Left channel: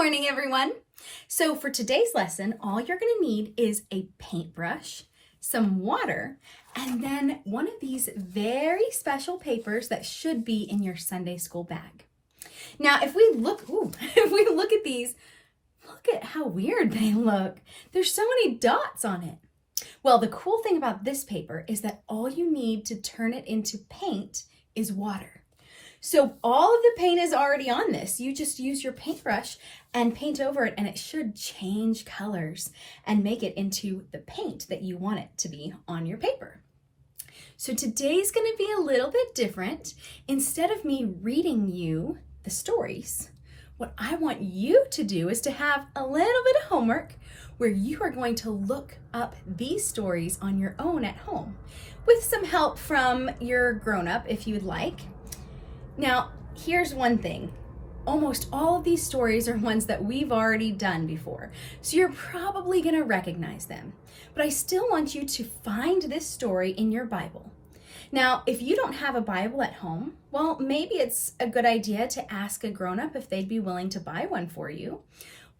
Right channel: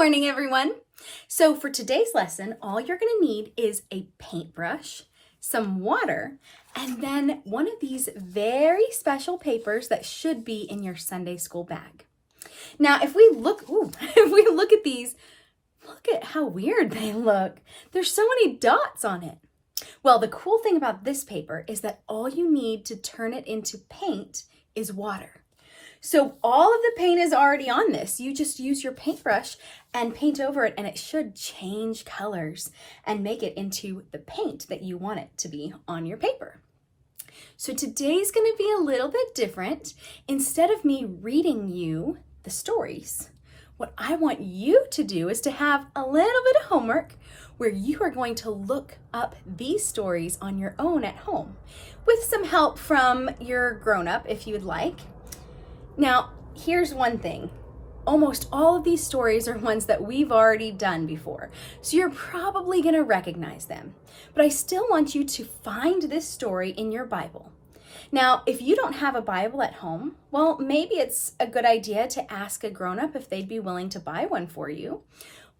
morning, everyone. So for today's lesson, all you're going to need is a paintbrush, some water, and then one of these very special papers that should be in your Sunday school bag. Now, if we look at these, look at how weird they look. There's so many dots on it. Well, the cool thing about this paper is that all you need to turn it into paint is water. So all of the paint is already on this. You just use your paintbrush and paint over it, and it should change colors and make it into the paint that you want it to be on your paper. So today's going to be a little bit different. Instead of me reading you the stories, what I want you to do is to have a little bit of homework where you are going to look up these stories on your own at home with some help from your grown-up if you'd like. Now, here's one thing. Almost all of these stories are ones that we've already done before, so you're probably going to recognize them. But I still want you to find this story in your Bible. Now, if you don't have a Bible at home, well, maybe it's a good idea to ask a grown-up if they'd be willing to buy one for you.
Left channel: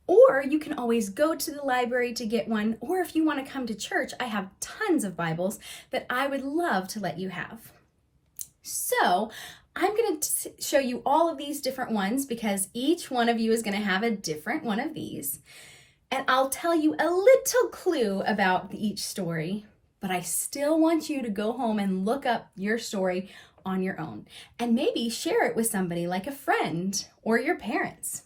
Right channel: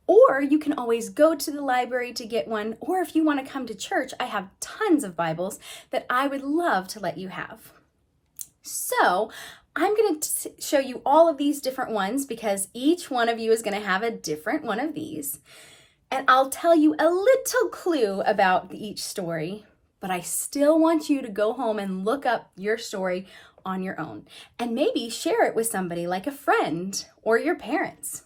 Or you can always go to the library to get one, or if you want to come to church, I have tons of Bibles that I would love to let you have. So, I'm going to show you all of these different ones because each one of you is going to have a different one of these. And I'll tell you a little clue about each story, but I still want you to go home and look up your story on your own and maybe share it with somebody like a friend or your parents.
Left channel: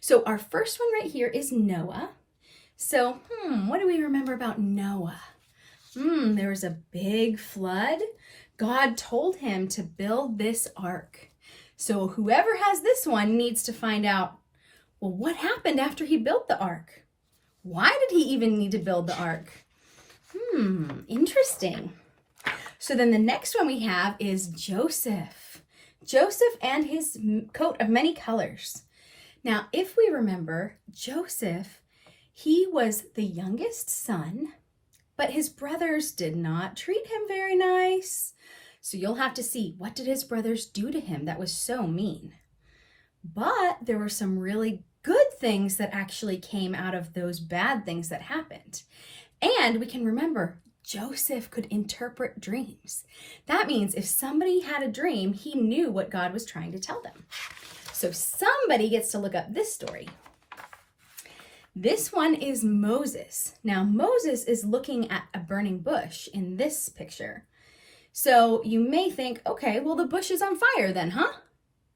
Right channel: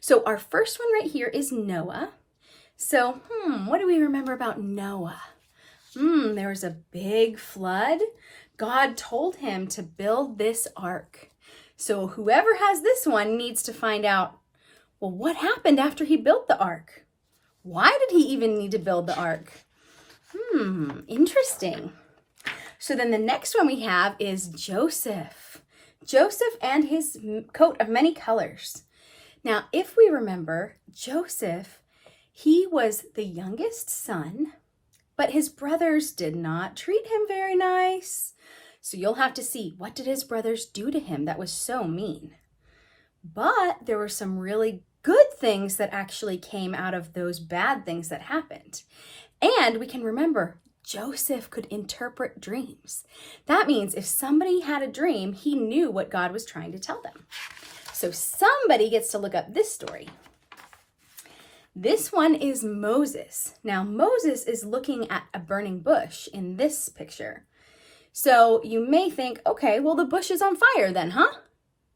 So our first one right here is Noah. So, what do we remember about Noah? There was a big flood. God told him to build this ark. So whoever has this one needs to find out, well, what happened after he built the ark? Why did he even need to build the ark? Interesting. So then the next one we have is Joseph. Joseph and his coat of many colors. Now, if we remember, Joseph, he was the youngest son, but his brothers did not treat him very nice. So you'll have to see, what did his brothers do to him that was so mean? But there were some really good things that actually came out of those bad things that happened. And we can remember, Joseph could interpret dreams. That means if somebody had a dream, he knew what God was trying to tell them. So somebody gets to look up this story. This one is Moses. Now, Moses is looking at a burning bush in this picture. So you may think, okay, well, the bush is on fire then, huh?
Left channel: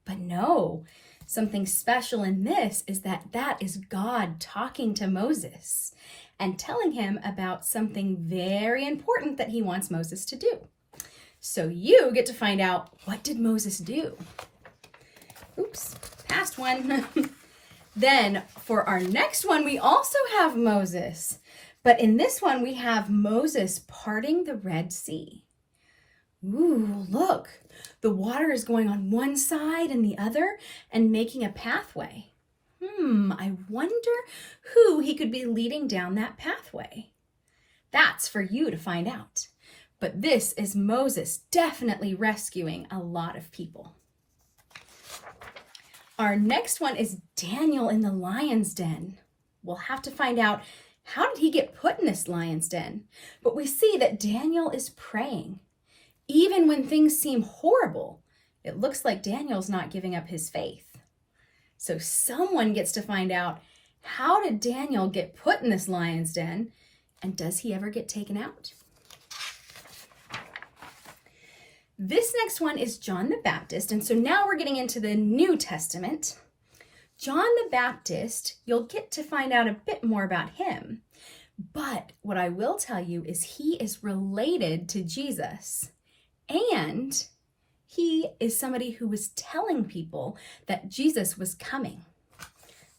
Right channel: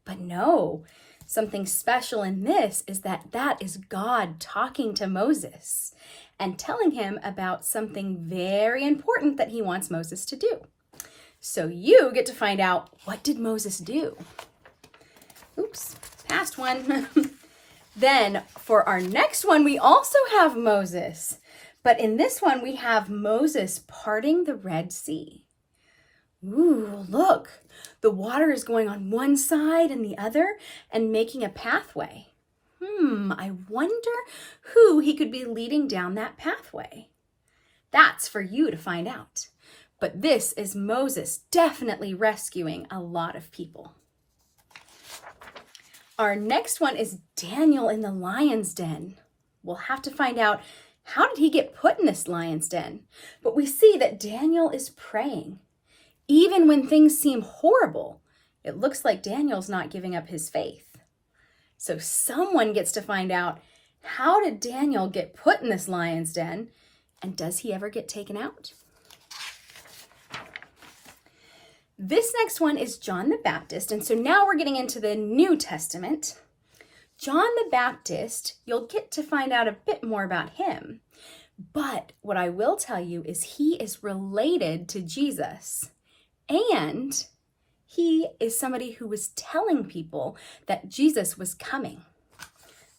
But no, something special in this is that is God talking to Moses and telling him about something very important that he wants Moses to do. So you get to find out, what did Moses do? Oops, past one. Then for our next one, we also have Moses. But in this one, we have Moses parting the Red Sea. Ooh, look, the water is going on one side and the other and making a pathway. I wonder who he could be leading down that pathway. That's for you to find out. But this is Moses definitely rescuing a lot of people. Our next one is Daniel in the lion's den. We'll have to find out, how did he get put in this lion's den? But we see that Daniel is praying. Even when things seem horrible, it looks like Daniel's not giving up his faith. So someone gets to find out, how did Daniel get put in this lion's den? And does he ever get taken out? This next one is John the Baptist. And so now we're getting into the New Testament. John the Baptist, you'll get to find out a bit more about him. But what I will tell you is he is related to Jesus. And he is somebody who was telling people that Jesus was coming.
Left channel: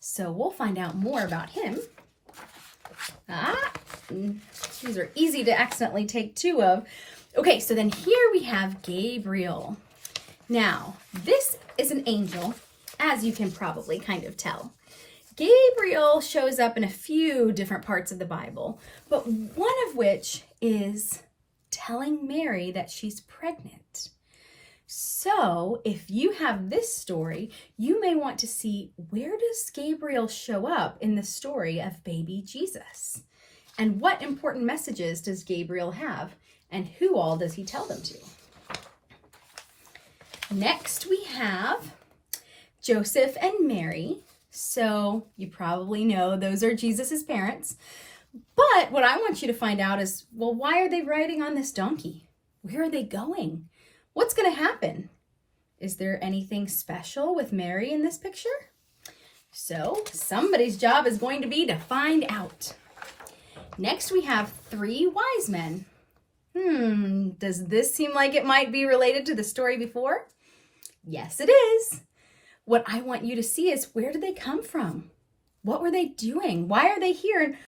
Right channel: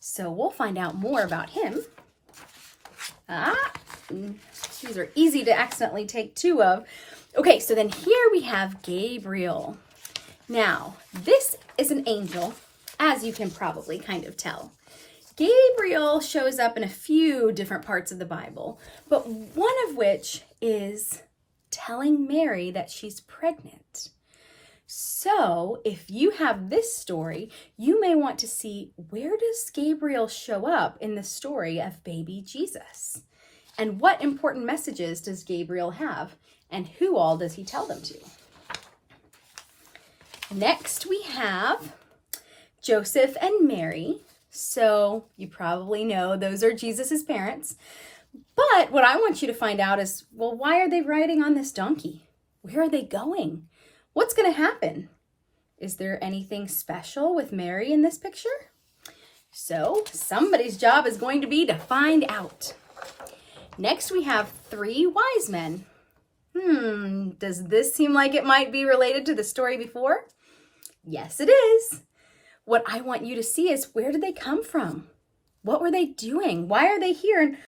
So we'll find out more about him. These are easy to accidentally take two of. Okay, so then here we have Gabriel. Now, this is an angel, as you can probably kind of tell. Gabriel shows up in a few different parts of the Bible, but one of which is telling Mary that she's pregnant. So if you have this story, you may want to see, where does Gabriel show up in the story of baby Jesus? And what important messages does Gabriel have? And who all does he tell them to? Next we have Joseph and Mary. So you probably know those are Jesus's parents. But what I want you to find out is, well, why are they riding on this donkey? Where are they going? What's going to happen? Is there anything special with Mary in this picture? So somebody's job is going to be to find out. Next we have 3 wise men. Does this seem like it might be related to the story before? Yes, it is. What I want you to see is, where did they come from? What were they doing? Why are they here? And